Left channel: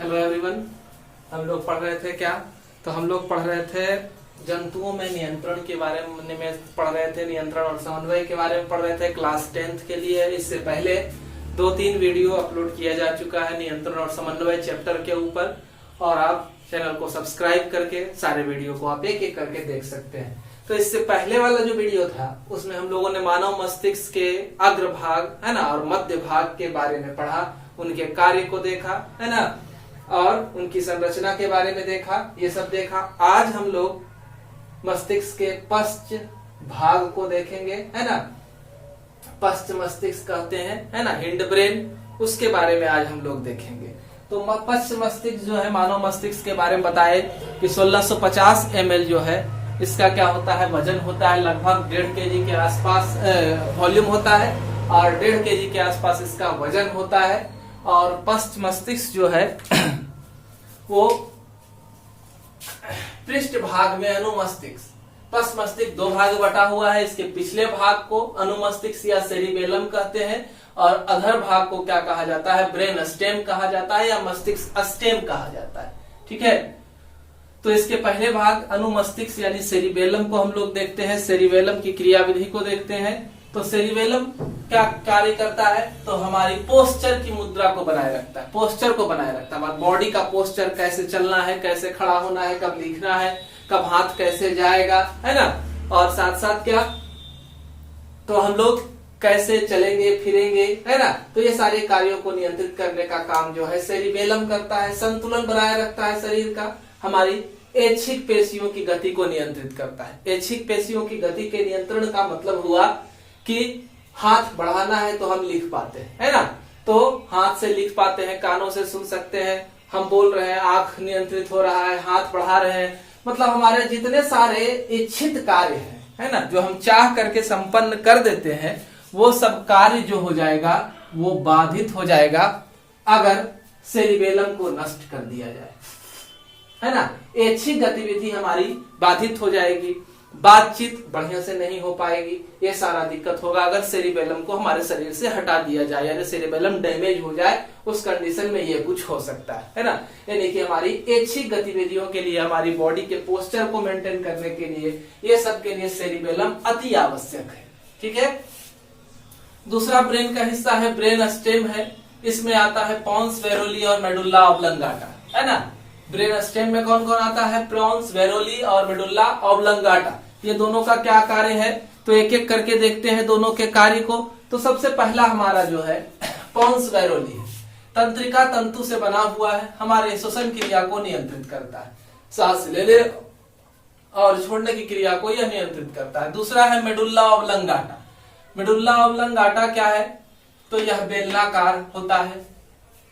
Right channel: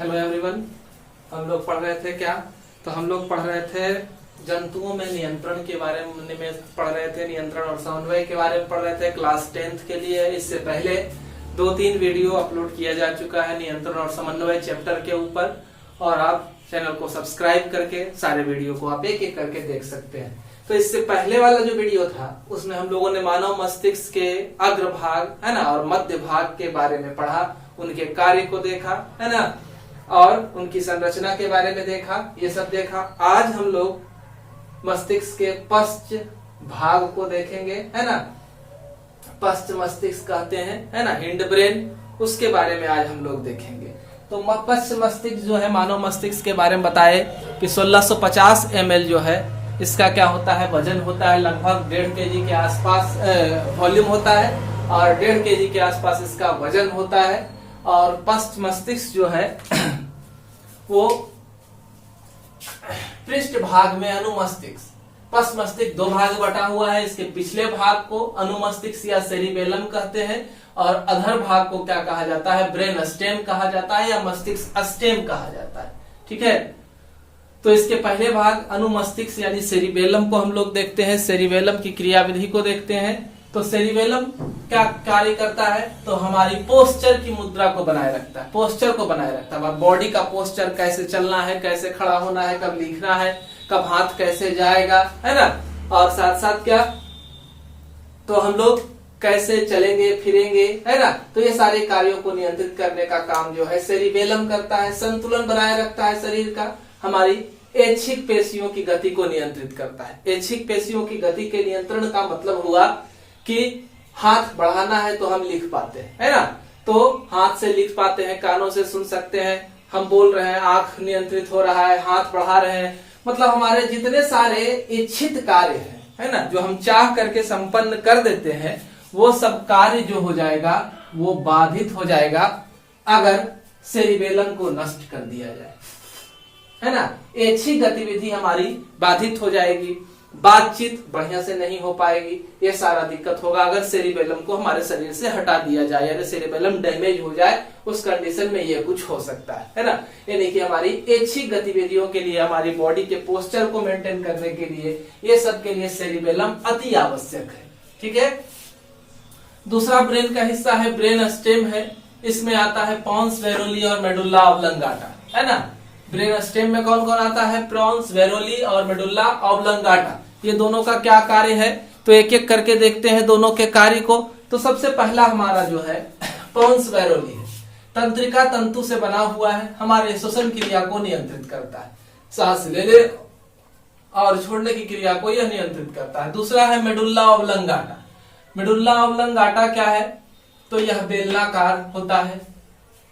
Hello everyone. हम लोग पढ़ रहे थे क्या? तो हम लोग पढ़ रहे थे जंतुओं में नियंत्रण के बारे में पढ़ रहे थे, नियंत्रण और समन्वय के बारे में पढ़ रहे थे क्लास 10th के लिए। इससे पहले 2-3 वीडियो अपलोड किया जा चुका है नियंत्रण और समन्वय चैप्टर के ऊपर, और आप चैनल को सब्सक्राइब करके सारे वीडियो को आप एक एक करके देख सकते हैं। तो इससे पहले वाला जो वीडियो था उसमें हम लोगों ने मानव मस्तिष्क के अग्रभाग है ना और मध्य भाग के बारे में पढ़ा, उनके कार्य को देखा है ना, और उनकी संरचना के बारे में देखा, ये सब देखा। आज हम लोग मस्तिष्क के पश्च भाग को देखेंगे है ना। पश्च मस्तिष्क कहते हैं है ना, हिंड ब्रेन, उसके बारे में आज हम लोग देखेंगे। तो पश्च मस्तिष्क जो है, मानव मस्तिष्क के बारे में बताए कि 1650 ml जो है इसका क्या होता है, वजन होता है, लगभग 1.5 kg के आसपास वॉल्यूम होता है, और 1.5 kg के आसपास इसका वजन होता है। और पश्च मस्तिष्क जो है वो पृष्ठ भाग में अनुमस्तिष्क, पश्च मस्तिष्क 2 भाग बटा हुआ है। इसके पिछले भाग को अनुमस्तिष्क या सेरिबेलम कहते हैं, और अधर भाग को क्या कहा जाता है, ब्रेन स्टेम कहा जाता है या मस्तिष्क स्टेम कहा जाता है। ठीक है, तो इसके पहले भाग अनुमस्तिष्क यानी सेरिबेलम को हम लोग देखते हैं, सेरिबेलम की क्रियाविधि को देखते हैं। तो सेरिबेलम क्या कार्य करता है, तो हमारी पोस्चर की मुद्रा को बनाए रखता है, पोस्चर को बनाए रखता है, हमारे बॉडी का पोस्चर, कैसे चलना है, कैसे खड़ा होना है, कब लिखना है, कब हाथ कैसे जाएगा है ना, और साथ साथ क्या, तो हम लोग कैसे चलेंगे फिरेंगे है ना। तो ये सारे कार्यों को नियंत्रित करने का काम जो है सेरिबेलम करता है। संतुलन बनाए रखता है शरीर का, हमारी ऐच्छिक पेशियों की गति को नियंत्रित करता है। ऐच्छिक पेशियों की गति के नियंत्रण का मतलब हुआ कि हाथ बढ़ाना है तो हम लिख पाते हैं है ना, तो हाथ से लिख पाते हैं, कानों से सुन सकते हैं, हम बोल रहे हैं, आंख नियंत्रित हो रहा है, हाथ बढ़ा रहे हैं, मतलब हमारे जितने सारे इच्छित कार्य हैं है ना, जो हम चाह करके संपन्न कर देते हैं, वो सब कार्य जो हो जाएगा वो बाधित हो जाएगा अगर सेरिबेलम को नष्ट कर दिया जाए है ना। ऐच्छिक गतिविधि हमारी बाधित हो जाएगी, बातचीत बढ़िया से नहीं हो पाएगी, ये सारा दिक्कत होगा अगर सेरिबेलम को हमारे शरीर से हटा दिया जाए, यानी सेरिबेलम डैमेज हो जाए, उस कंडीशन में ये कुछ हो सकता है ना। यानी कि हमारी ऐच्छिक गतिविधियों के लिए, हमारी बॉडी के पोस्चर को मेंटेन करने के लिए, ये सब के लिए सेरिबेलम अति आवश्यक है। ठीक है, दूसरा ब्रेन का हिस्सा है ब्रेन स्टेम है। इसमें आता है पोन्स, वेरोली और मेडुल्ला ऑब्लंगाटा है ना। ब्रेन स्टेम में कौन कौन आता है, पोन्स, वेरोली और मेडुल्ला ऑब्लंगाटा। ये दोनों का क्या कार्य है, तो एक एक करके देखते हैं दोनों के कार्य को। तो सबसे पहला हमारा जो है पोन्स वेरोली है, तंत्रिका तंतु से बना हुआ है, हमारे श्वसन क्रिया को नियंत्रित करता है, सांस लेने और छोड़ने की क्रिया को यह नियंत्रित करता है। दूसरा है मेडुल्ला ऑब्लंगाटा। मेडुल्ला ऑब्लंगाटा क्या है, तो यह बेलनाकार होता है,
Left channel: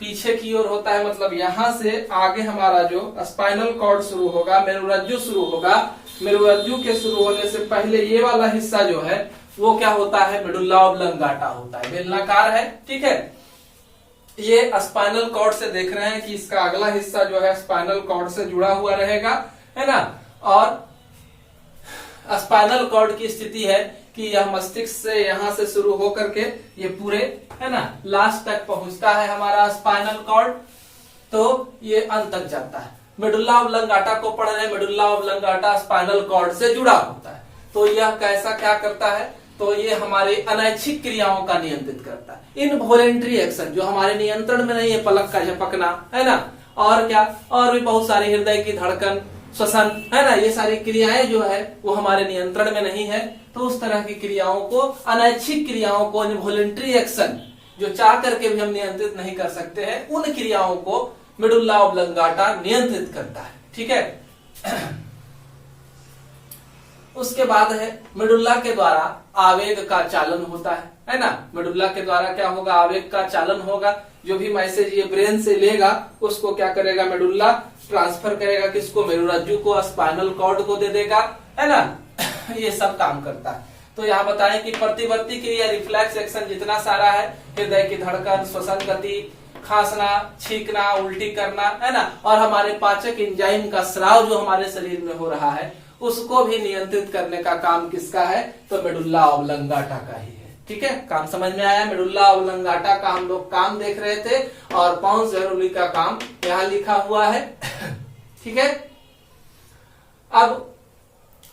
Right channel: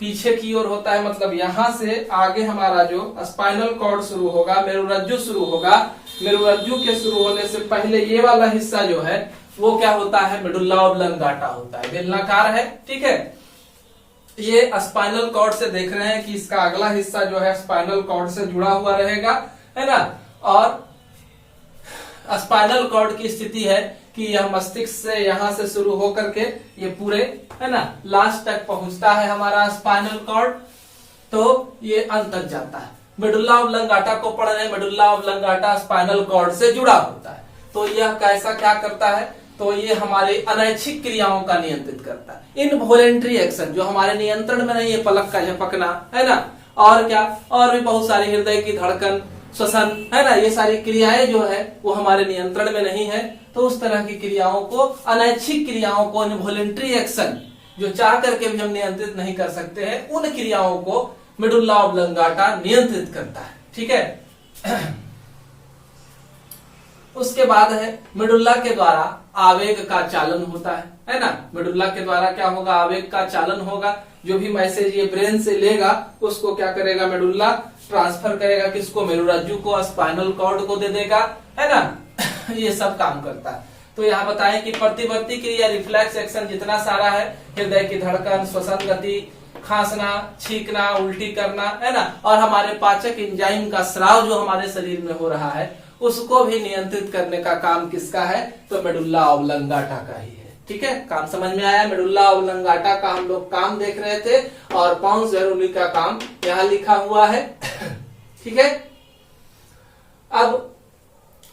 पीछे की ओर होता है, मतलब यहां से आगे हमारा जो स्पाइनल कॉर्ड शुरू होगा, मेरुरज्जु शुरू होगा, मेरुरज्जु के शुरू होने से पहले ये वाला हिस्सा जो है वो क्या होता है, मेडुल्ला ऑब्लंगाटा होता है, बेलनाकार है। ठीक है, ये स्पाइनल कॉर्ड से देख रहे हैं कि इसका अगला हिस्सा जो है स्पाइनल कॉर्ड से जुड़ा हुआ रहेगा है ना, और स्पाइनल कॉर्ड की स्थिति है कि यह मस्तिष्क से यहां से शुरू होकर के ये पूरे है ना लास्ट तक पहुंचता है हमारा स्पाइनल कॉर्ड, तो ये अंत तक जाता है। मेडुल्ला ऑब्लंगाटा को पढ़ रहे हैं, मेडुल्ला ऑब्लंगाटा स्पाइनल कॉर्ड से जुड़ा होता है। तो यह कैसा क्या करता है, तो ये हमारे अनैच्छिक क्रियाओं का नियंत्रित करता है, इनवॉलेंट्री एक्शन जो हमारे नियंत्रण में नहीं है, पलक का झपकना है ना, और क्या, और भी बहुत सारी, हृदय की धड़कन, श्वसन है ना, ये सारी क्रियाएं जो है वो हमारे नियंत्रण में नहीं है। तो उस तरह की क्रियाओं को, अनैच्छिक क्रियाओं को, इनवॉलेंट्री एक्शन जो चाह करके भी हम नियंत्रित नहीं कर सकते हैं, उन क्रियाओं को मेडुल्ला ऑब्लंगाटा नियंत्रित करता है। ठीक है, उसके बाद है मेडुल्ला के द्वारा आवेग का चालन होता है ना। मेडुल्ला के द्वारा क्या होगा, आवेग का चालन होगा, जो भी मैसेज ये ब्रेन से लेगा उसको क्या करेगा, मेडुल्ला ट्रांसफर करेगा, किसको, मेरुरज्जु को, स्पाइनल कॉर्ड को दे देगा है ना। ये सब काम करता है। तो यहाँ बताएं कि प्रतिवर्ती क्रिया, रिफ्लेक्स एक्शन जितना सारा है, हृदय की धड़कन, श्वसन गति, खांसना, छींकना, उल्टी करना है ना, और हमारे पाचक एंजाइम का स्राव जो हमारे शरीर में हो रहा है उसको भी नियंत्रित करने का काम किसका है, तो मेडुल्ला ऑब्लंगाटा का ही है। ठीक है, काम समझ में आया। मेडुल्ला ऑब्लंगाटा का हम लोग काम देख रहे थे और पॉन्स जेरोली का काम यहाँ लिखा हुआ है। ठीक है, अब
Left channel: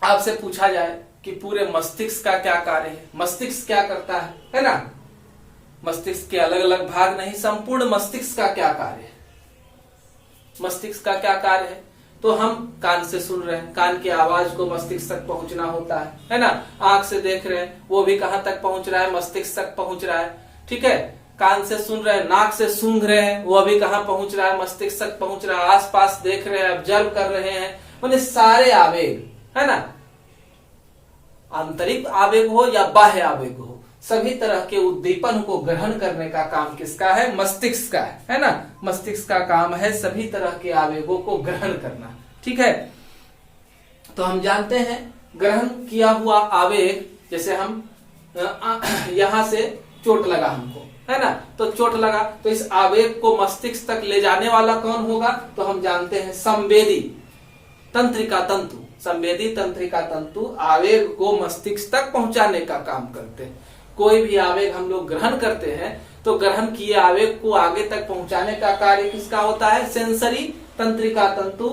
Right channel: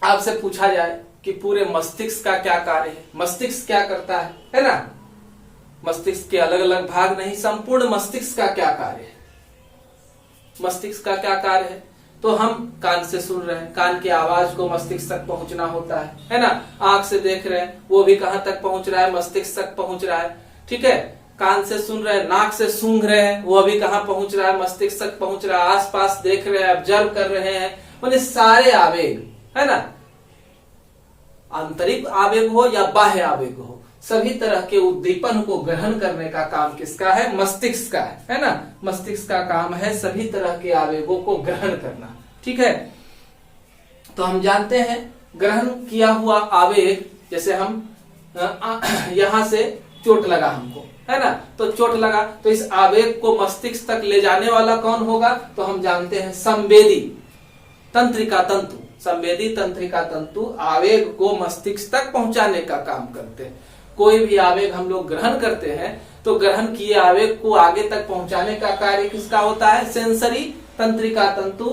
आपसे पूछा जाए कि पूरे मस्तिष्क का क्या कार्य है, मस्तिष्क क्या करता है ना। मस्तिष्क के अलग अलग भाग नहीं, संपूर्ण मस्तिष्क का क्या कार्य है, मस्तिष्क का क्या कार्य है। तो हम कान से सुन रहे हैं, कान की आवाज को मस्तिष्क तक पहुंचना होता है ना। आंख से देख रहे हैं, वो भी कहां तक पहुंच रहा है, मस्तिष्क तक पहुंच रहा है। ठीक है, कान से सुन रहे हैं, नाक से सूंघ रहे हैं, वो भी कहां पहुंच रहा है, मस्तिष्क तक पहुंच रहा है। आसपास देख रहे हैं, ऑब्जर्व कर रहे हैं, माने सारे आवेग, है ना, आंतरिक आवेग हो या बाह्य आवेग हो, सभी तरह के उद्दीपन को ग्रहण करने का काम किसका है, मस्तिष्क का है ना। मस्तिष्क का काम है सभी तरह के आवेगों को ग्रहण करना। ठीक है, तो हम जानते हैं ग्रहण किया हुआ आवेग, जैसे हम यहां से चोट लगा हमको, है ना, तो चोट लगा तो इस आवेग को मस्तिष्क तक ले जाने वाला कौन होगा, तो हम जानते हैं संवेदी तंत्रिका तंतु। संवेदी तंत्रिका तंतु आवेग को मस्तिष्क तक पहुंचाने का काम करते हैं। कोई भी आवेग हम लोग ग्रहण करते हैं तो ग्रहण किए आवेग को आगे तक पहुंचाने का कार्य किसका होता है, सेंसरी तंत्रिका तंतु,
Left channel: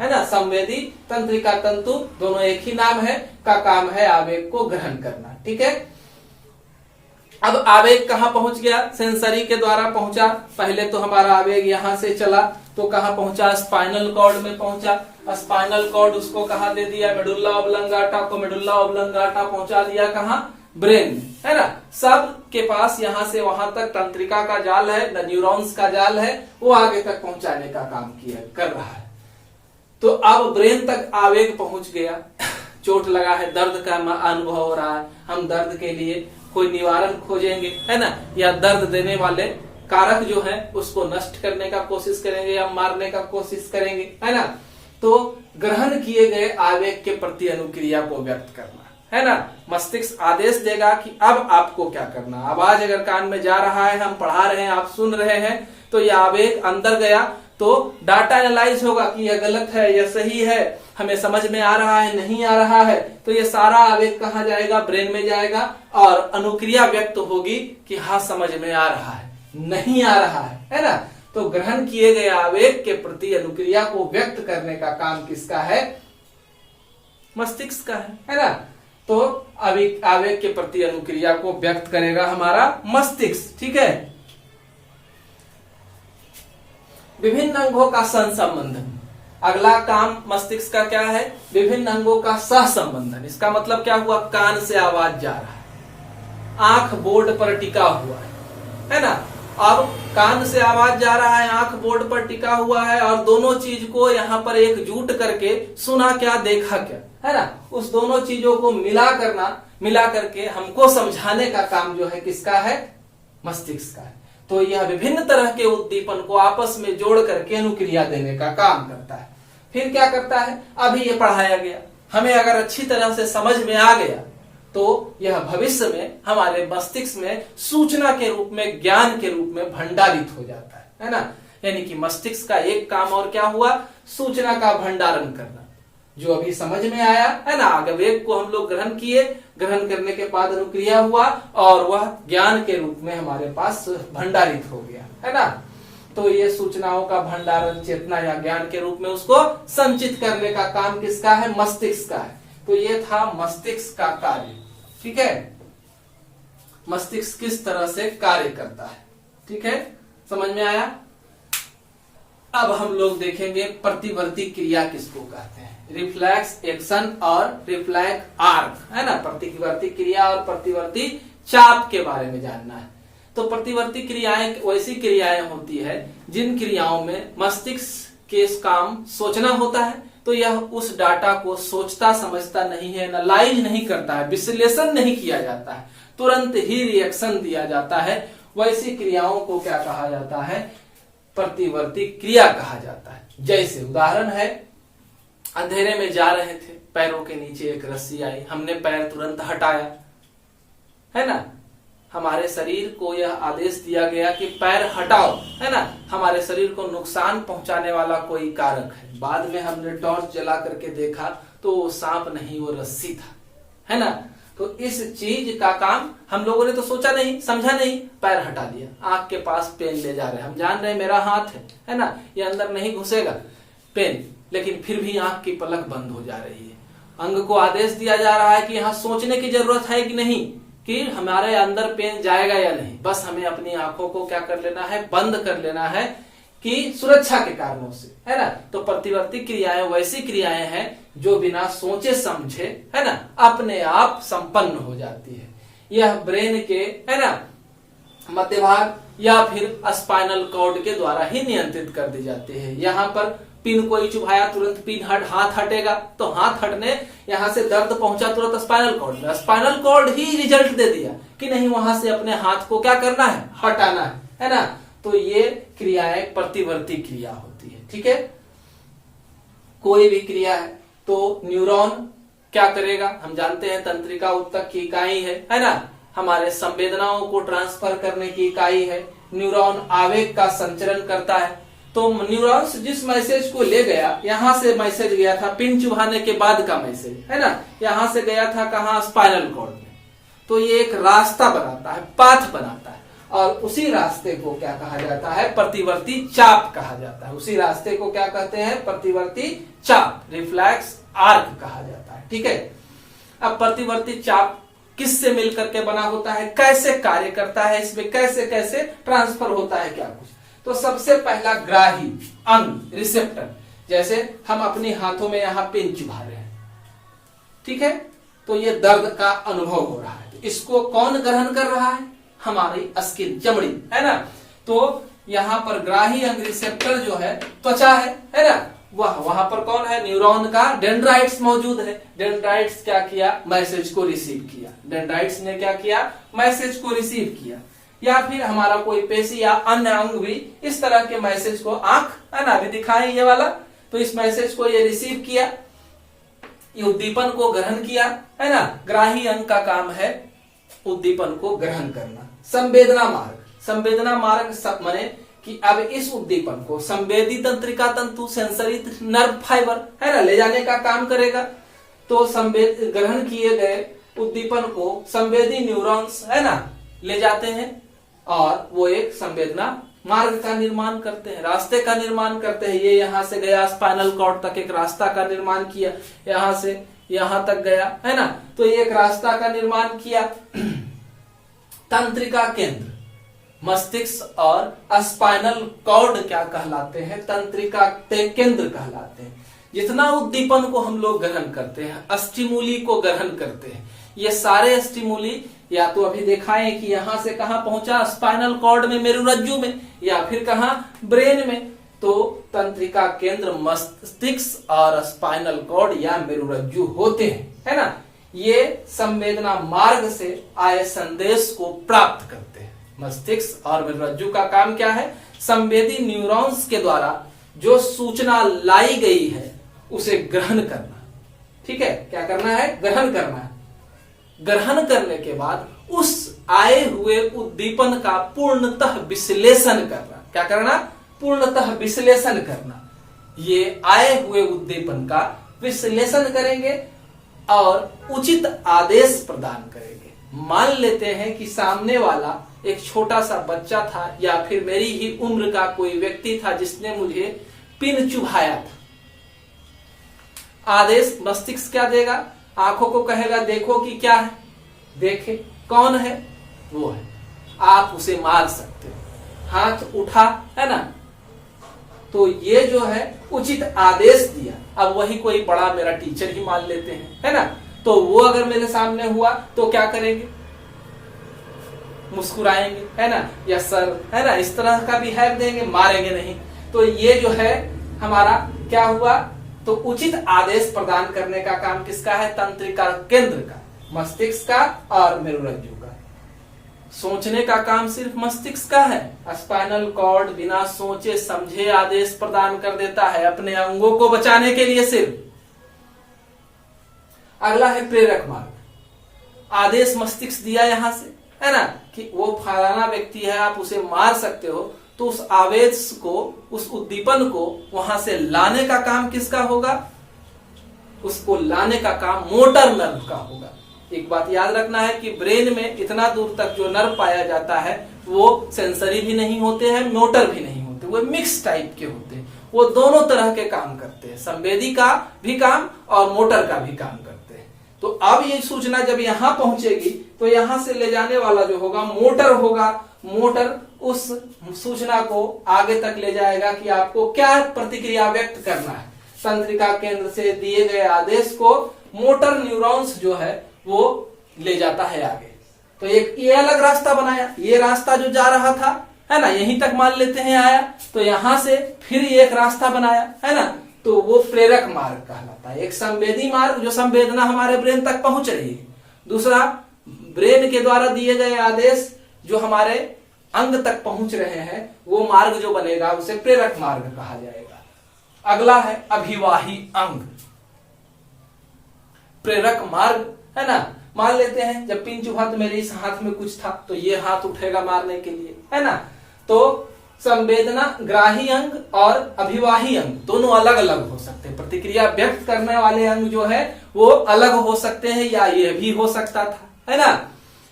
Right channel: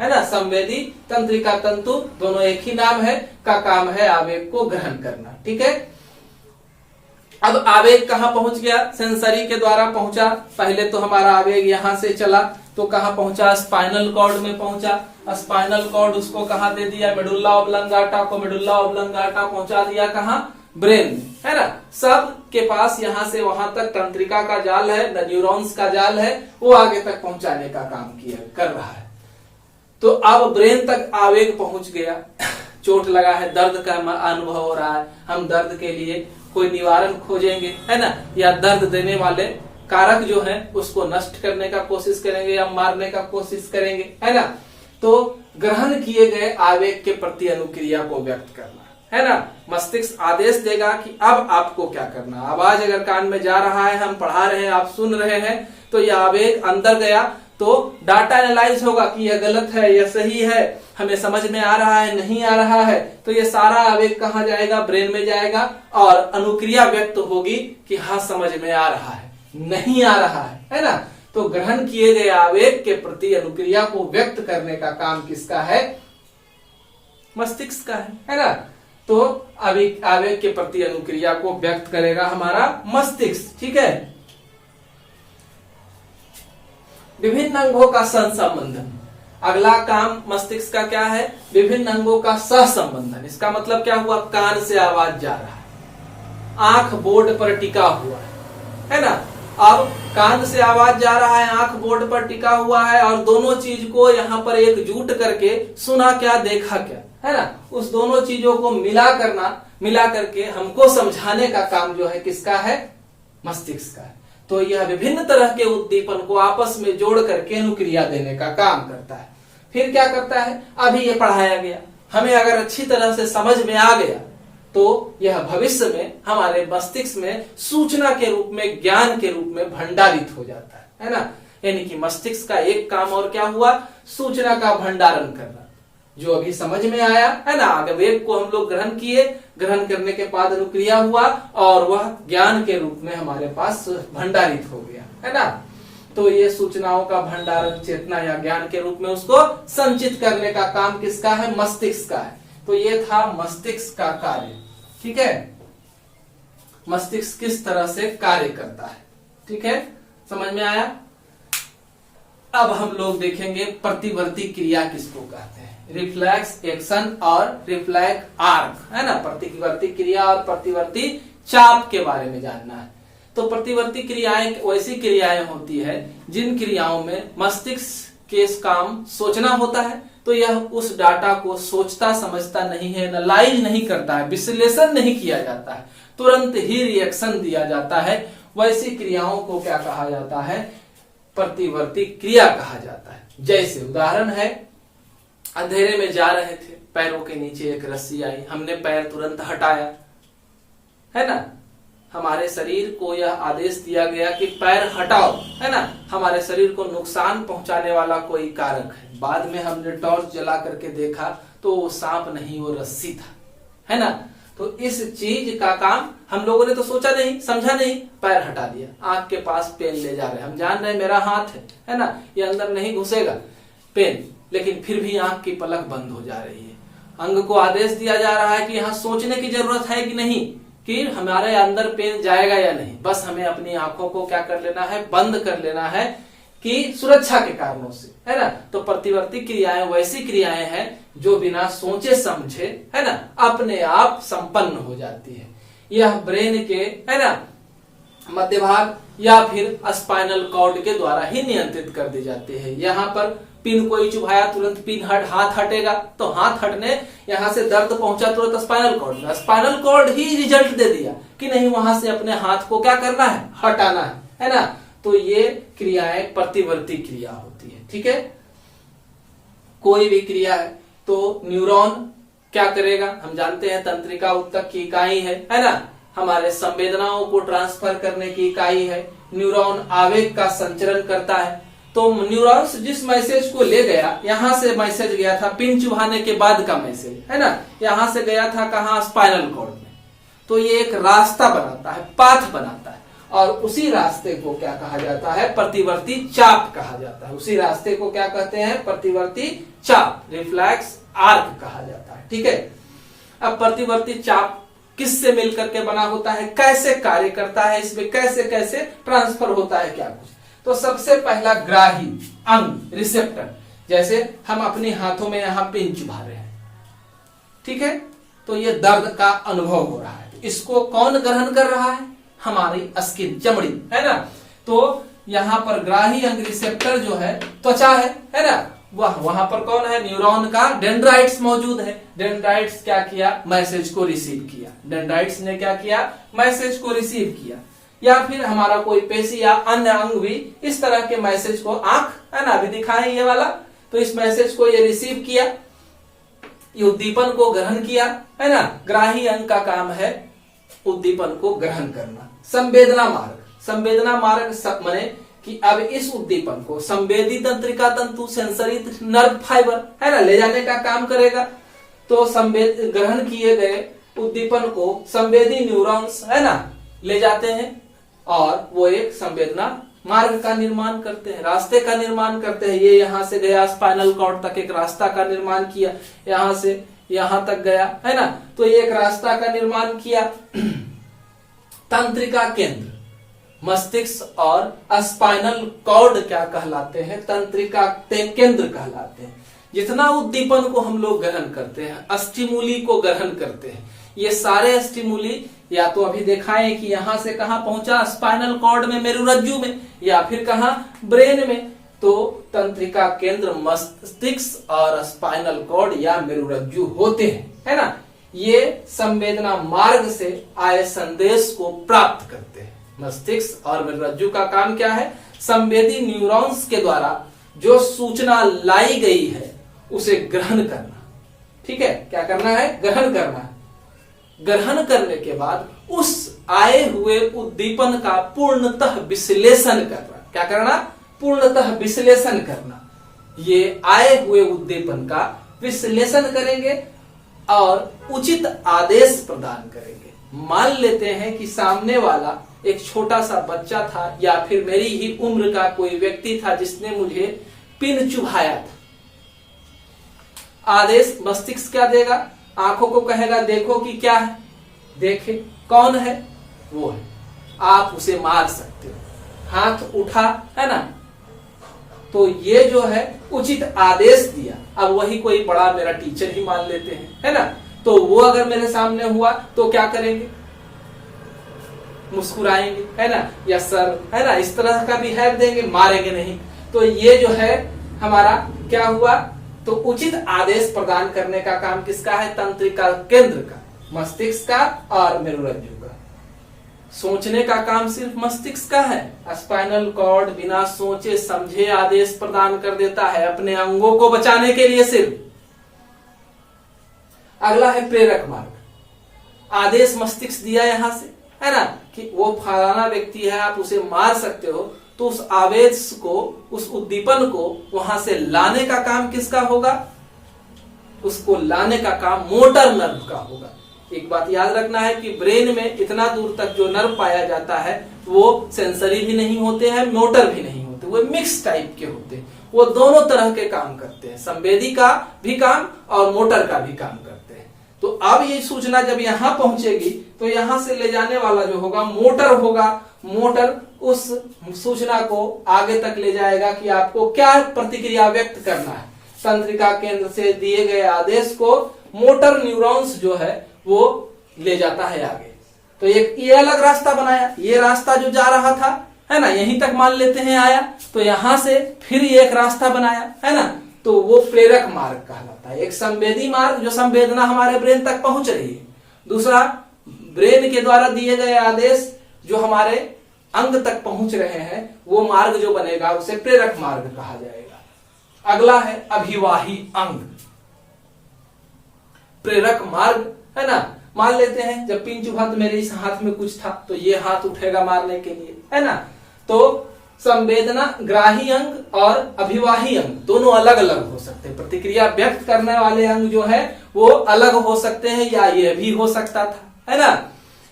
है ना। संवेदी तंत्रिका तंतु दोनों एक ही नाम है, का काम है आवेग को ग्रहण करना। ठीक है, अब आवेग कहां पहुंच गया, सेंसरी के द्वारा पहुंचा। पहले तो हमारा आवेग यहां से चला तो कहां पहुंचा, स्पाइनल कॉर्ड में पहुंचा। स्पाइनल कॉर्ड उसको कहां दे दिया, मेडुल्ला ऑब्लंगाटा को, मेडुल्ला ऑब्लंगाटा पहुंचा दिया कहां, ब्रेन, है ना। सब के पास यहां से वहां तक तंत्रिका का जाल है, न्यूरॉन्स का जाल है, वो आगे तक पहुंचाने का काम कर रहा है। तो अब ब्रेन तक आवेग पहुंच गया, चोट लगा है, दर्द का अनुभव हो रहा है, हम दर्द के लिए कोई निवारण खोजेंगे, है ना, या दर्द देने वाले कारक जो है उसको नष्ट करने का कोशिश करेंगे या मारने का कोशिश करेंगे, है ना। तो ग्रहण किए गए आवेग के प्रति अनुक्रिया को व्यक्त करना, है ना। मस्तिष्क आदेश देगा कि अब आपको क्या करना। आवाज अगर कान में जा रहा है, हम पढ़ा रहे हैं, आप सुन रहे हैं, तो यह आवेग अंदर गया तो डाटा एनालाइज होगा कि यह गलत है, यह सही है, हमें समझ में आ रहा है, नहीं आ रहा है। तो ये सारा आवेग कहाँ जाएगा, ब्रेन में जाएगा और अनुक्रिया व्यक्त होगी कि हाँ समझ में आ रहा है, नहीं आ रहा है ना। तो ग्रहण किए गए आवेग के प्रति अनुक्रिया को व्यक्त करने का काम किसका है, मस्तिष्क का है ना। तो आवेग के प्रति अनुक्रिया को व्यक्त करेगा हमारा मस्तिष्क। ठीक है, विभिन्न अंगों का सहसंबंधन, अगला काम मस्तिष्क का क्या है, विभिन्न अंगों का सहसंबंधन। इसका मतलब क्या हुआ, कान से आवाज जा रहा है, आंख बोर्ड पर टिका हुआ है ना। अब कान से आवाज जा रहा है, आंख बोर्ड पर टिका हुआ है, और दोनों चीज को यहाँ पर एकजुट करके सुना क्या, देखा क्या, है ना। उस दोनों चीजों को मिला करके हमको समझाने का काम जो है किसका है, मस्तिष्क का है। तो यह विभिन्न तरह के उद्दीपन को आपस में जोड़ करके अनुक्रिया देने का काम करता है। फिर क्या करता है, अभी ये पढ़ाया गया, हमें अगर अच्छी तरह से समझ में आ गया तो यह भविष्य में हमारे मस्तिष्क में सूचना के रूप में, ज्ञान के रूप में भंडारित हो जाता है ना। यानी कि मस्तिष्क का एक काम और क्या हुआ, सूचना का भंडारण करना। जो अभी समझ में आया है ना, आवेग को हम लोग ग्रहण किए, ग्रहण करने के बाद अनुक्रिया हुआ और वह ज्ञान के रूप में हमारे पास भंडारित हो गया, है ना। तो ये सूचनाओं का भंडारण चेतना या ज्ञान के रूप में उसको संचित करने का काम किसका है, मस्तिष्क का है। तो ये था मस्तिष्क का कार्य। ठीक है, मस्तिष्क किस तरह से कार्य करता है। ठीक है, समझ में आया। अब हम लोग देखेंगे प्रतिवर्ती क्रिया किसको कहते हैं, रिफ्लेक्स एक्शन और रिफ्लेक्स आर्क, है ना। प्रतिवर्ती क्रिया और प्रतिवर्ती चाप के बारे में जानना है। तो प्रतिवर्ती क्रियाएं वैसी क्रियाएं होती है जिन क्रियाओं में मस्तिष्क के काम सोचना होता है, तो यह उस डाटा को सोचता समझता नहीं है, एनालाइज नहीं करता है, विश्लेषण नहीं किया जाता है, तुरंत ही रिएक्शन दिया जाता है। वैसी क्रियाओं को क्या कहा जाता है, प्रतिवर्ती क्रिया कहा जाता है। जैसे उदाहरण है, अंधेरे में जा रहे थे, पैरों के नीचे एक रस्सी आई, हमने पैर तुरंत हटाया, है ना। हमारे शरीर को यह आदेश दिया गया कि पैर हटाओ, है ना। हमारे शरीर को नुकसान पहुंचाने वाला कोई कारक है। बाद में हमने टॉर्च जला करके देखा तो वो सांप नहीं, वो रस्सी था, है ना। तो इस चीज का काम हम लोगों ने तो सोचा नहीं, समझा नहीं, पैर हटा दिया, आंख के पास पेन ले जा रहे हैं, हम जान रहे हैं मेरा हाथ है ना, ये अंदर नहीं घुसेगा पेन, लेकिन फिर भी आंख की पलक बंद हो जा रही है। अंग को आदेश दिया जा रहा है कि यहाँ सोचने की जरूरत है कि नहीं, कि हमारे अंदर पेन जाएगा या नहीं, बस हमें अपनी आंखों को क्या कर लेना है, बंद कर लेना है, कि सुरक्षा के कारणों से, है ना। तो प्रतिवर्ती क्रियाएं वैसी क्रियाएं हैं जो बिना सोचे समझे, है ना, अपने आप संपन्न हो जाती है। यह ब्रेन के, है ना, मध्य भाग या फिर स्पाइनल कॉर्ड के द्वारा ही नियंत्रित कर दी जाती है। यहाँ पर पिन कोई चुभाया, तुरंत पिन हाथ हटेगा, तो हाथ हटने यहाँ से दर्द पहुंचा तुरंत स्पाइनल कॉर्ड में, स्पाइनल कॉर्ड ही रिजल्ट दे दिया कि नहीं वहां से अपने हाथ को क्या करना है, हटाना है ना। तो ये क्रियाएं प्रतिवर्ती क्रिया होती है, ठीक है। कोई भी क्रिया है तो न्यूरॉन क्या करेगा, हम जानते हैं तंत्रिका उत्तक की इकाई है ना, हमारे संवेदनाओं को ट्रांसफर करने की इकाई है। न्यूरॉन आवेग का संचरण करता है, तो न्यूरॉन्स जिस मैसेज को ले गया, यहां से मैसेज गया था पिन चुभाने के बाद का मैसेज, है ना, यहां से गया था कहां, स्पाइनल कॉर्ड में, तो ये एक रास्ता बनाता है, पाथ बनाता है, और उसी रास्ते को क्या कहा जाता है, प्रतिवर्ती चाप कहा जाता है। उसी रास्ते को क्या कहते हैं, प्रतिवर्ती चाप, रिफ्लेक्स आर्क कहा जाता है, ठीक है। अब प्रतिवर्ती चाप किससे मिलकर के बना होता है, कैसे कार्य करता है, इसमें कैसे कैसे ट्रांसफर होता है, क्या कुछ। तो सबसे पहला ग्राही अंग, रिसेप्टर, जैसे हम अपने हाथों में यहां पिन चुभा रहे हैं, ठीक है, तो ये दर्द का अनुभव हो रहा है, तो इसको कौन ग्रहण कर रहा है, हमारी स्किन, चमड़ी, है ना। तो यहाँ पर ग्राही अंग रिसेप्टर जो है त्वचा है ना, वहां पर कौन है, न्यूरॉन का डेंड्राइट्स मौजूद है। डेंड्राइट्स क्या किया, मैसेज को रिसीव किया, डेंड्राइट्स ने क्या किया, मैसेज को रिसीव किया। या फिर हमारा कोई पेशी या अन्य अंग भी इस तरह के मैसेज को, आंख है ना, अभी दिखाएं ये वाला, तो इस मैसेज को ये रिसीव किया, ये उद्दीपन को ग्रहण किया, है ना। ग्राही अंग का काम है उद्दीपन को ग्रहण करना। संवेदना मार्ग, संवेदना मार्ग माने कि अब इस उद्दीपन को संवेदी तंत्रिका तंतु, सेंसरी नर्व फाइबर, है ना, ले जाने का काम करेगा। तो संवेद ग्रहण किए गए उद्दीपन को संवेदी न्यूरॉन्स, है ना, ले जाते हैं और वो एक संवेदना मार्ग का निर्माण करते हैं, रास्ते का निर्माण करते हैं। ये यहां से गया स्पाइनल कॉर्ड तक, एक रास्ता का निर्माण किया, यहां से यहां तक गया, है ना, तो ये एक रास्ता का निर्माण किया। तंत्रिका केंद्र, मस्तिष्क और स्पाइनल कॉर्ड क्या कहलाते हैं, तंत्रिका केंद्र कहलाते हैं। जितना उद्दीपन को हम लोग ग्रहण करते हैं, स्टिमुली को ग्रहण करते हैं, ये सारे स्टिमुली या तो अभी दिखाएं कि यहां से कहां पहुंचा, स्पाइनल कॉर्ड में, मेरुरज्जु में, या फिर कहां, ब्रेन में। तो तंत्रिका केंद्र मस्तिष्क और स्पाइनल कॉर्ड या मेरुरज्जु होते हैं, है ना। ये संवेदना मार्ग से आए संदेश को प्राप्त करते हैं। मस्तिष्क और मेरुरज्जु का काम क्या है, संवेदी न्यूरॉन्स के द्वारा जो सूचना लाई गई है उसे ग्रहण करना, ठीक है, क्या करना है, ग्रहण करना है। ग्रहण करने के बाद उस आए हुए उद्दीपन का पूर्णतः विश्लेषण करना, क्या करना, पूर्णतः विश्लेषण करना। ये आए हुए उद्दीपन का विश्लेषण करेंगे और उचित आदेश प्रदान करेंगे। मान लेते हैं कि सामने वाला एक छोटा सा बच्चा था या फिर मेरी ही उम्र का कोई व्यक्ति था जिसने मुझे पिन चुभाया था। आदेश मस्तिष्क क्या देगा, आंखों को कहेगा देखो कि क्या है, देखे कौन है, वो है, आप उसे मार सकते हो, हाथ उठा, है ना। तो ये जो है उचित आदेश दिया। अब वही कोई बड़ा मेरा टीचर ही मान लेते हैं, है ना, तो वो अगर मेरे सामने हुआ तो क्या करेंगे, मुस्कुराएंगे, है ना, या सर, है ना, इस तरह का बिहेव देंगे, मारेंगे नहीं। तो ये जो है हमारा क्या हुआ, तो उचित आदेश प्रदान करने का काम किसका है, तंत्रिका केंद्र का, मस्तिष्क का और मेरुरज्जु का। सोचने का काम सिर्फ मस्तिष्क का है। स्पाइनल कॉर्ड बिना सोचे समझे आदेश प्रदान कर देता है अपने अंगों को बचाने के लिए सिर्फ। अगला है प्रेरक मार्ग, आदेश मस्तिष्क दिया यहां से, है ना, कि वो फलाना व्यक्ति है, आप उसे मार सकते हो, तो उस आवेश को, उस उद्दीपन को वहां से लाने का काम किसका होगा, उसको लाने का काम मोटर नर्व का होगा। एक बात याद रखना है कि ब्रेन में इतना दूर तक जो नर्व पाया जाता है वो सेंसरी भी नहीं होते हैं, मोटर भी नहीं होते, वो मिक्स टाइप के होते हैं। वो दोनों तरह के काम करते हैं, संवेदी का भी काम और मोटर का भी काम करते हैं। तो अब ये सूचना जब यहाँ पहुंचेगी तो यहाँ से ले जाने वाला जो होगा मोटर, मोटर उस सूचना को आगे तक ले जाएगा कि आपको क्या प्रतिक्रिया व्यक्त करना है। तंत्रिका केंद्र से दिए गए आदेश को मोटर न्यूरॉन्स जो है वो ले जाता है आगे। तो एक ये अलग रास्ता बनाया, ये रास्ता जो जा रहा था है ना, यहीं तक मान लेते हैं आया, तो यहां से फिर ये एक रास्ता बनाया है ना, तो वो प्रेरक मार्ग कहलाता है। एक संवेदी मार्ग जो संवेदना हमारे ब्रेन तक पहुंच रही है, दूसरा ब्रेन के द्वारा दिए गए आदेश जो हमारे अंग तक पहुंच रहे हैं, वो मार्ग जो बनेगा उसे प्रेरक मार्ग कहा जाएगा। अगला है अभिवाही अंग। प्रेरक मार्ग है ना, मान लेते हैं जब पिन चुभा तो मेरे इस हाथ में कुछ था तो ये हाथ उठेगा मारने के लिए है ना। तो संवेदना ग्राही अंग और अभिवाही अंग दोनों अलग अलग हो सकते हैं। प्रतिक्रिया व्यक्त करने वाले अंग जो है वो अलग हो सकते हैं या ये भी हो सकता था है ना।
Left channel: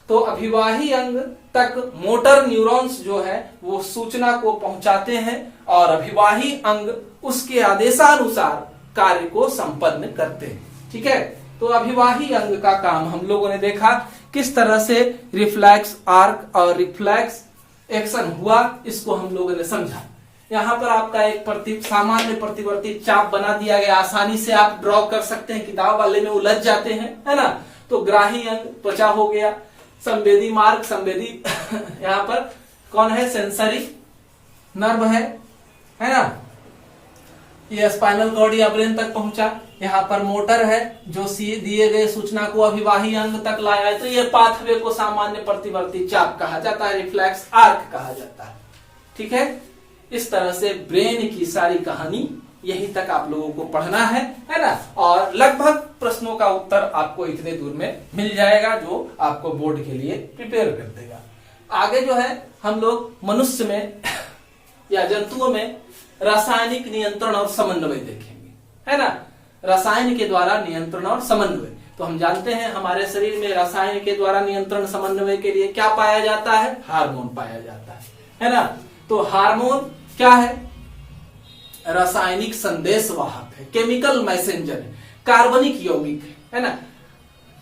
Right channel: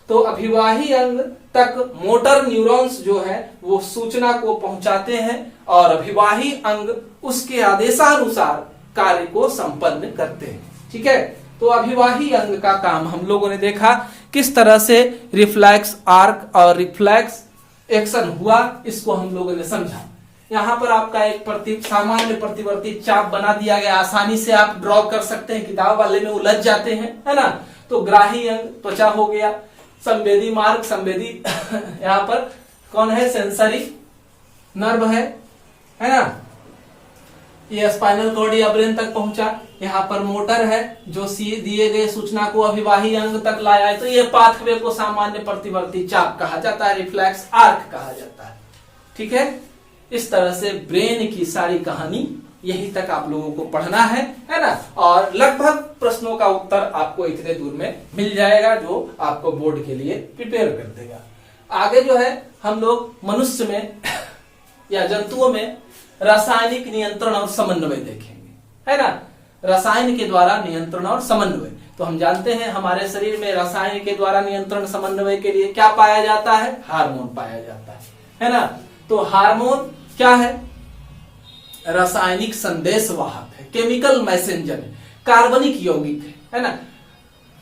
तो अभिवाही अंग तक मोटर न्यूरॉन्स जो है वो सूचना को पहुंचाते हैं और अभिवाही अंग उसके आदेशानुसार कार्य को संपन्न करते हैं। ठीक है, तो अभिवाही अंग का काम हम लोगों ने देखा किस तरह से रिफ्लेक्स आर्क और रिफ्लेक्स एक्शन हुआ, इसको हम लोगों ने समझा। यहाँ पर आपका एक सामान्य प्रतिवर्ती चाप बना दिया गया, आसानी से आप ड्रॉ कर सकते हैं, किताब वाले में उलझ जाते हैं है ना। तो ग्राही अंग त्वचा हो गया, संवेदी मार्ग संवेदी यहाँ पर कौन है, सेंसरी नर्व है ना, ये स्पाइनल कॉर्ड या ब्रेन तक पहुंचा। यहाँ पर मोटर है जो दिए गए सूचना को अभिवाही अंग तक लाया है, तो ये पाथवे को सामान्य प्रतिवर्ती चाप कहा जाता है, रिफ्लेक्स आर्क कहा जाता है। ठीक है, इस तरह से ब्रेन की सारी कहानी यहीं तक आप लोगों को पढ़ना है ना। और लगभग प्रश्नों का उत्तर आपको इतने दूर में मिल जाएगा जो आपको बोर्ड के लिए प्रिपेयर कर देगा। आगे जो है हम लोग मनुष्य में या जंतुओं में रासायनिक नियंत्रण और समन्वय देखेंगे है ना। रसायन के द्वारा नियंत्रण और समन्वय, तो हम जानते हैं हमारे शरीर में रसायन के द्वारा नियंत्रण समन्वय के लिए क्या पाया जाता है, हार्मोन पाया जाता है ना। तो हार्मोन क्या है, रासायनिक संदेश वाहक है, केमिकल मैसेंजर है, कार्बनिक यौगिक है ना।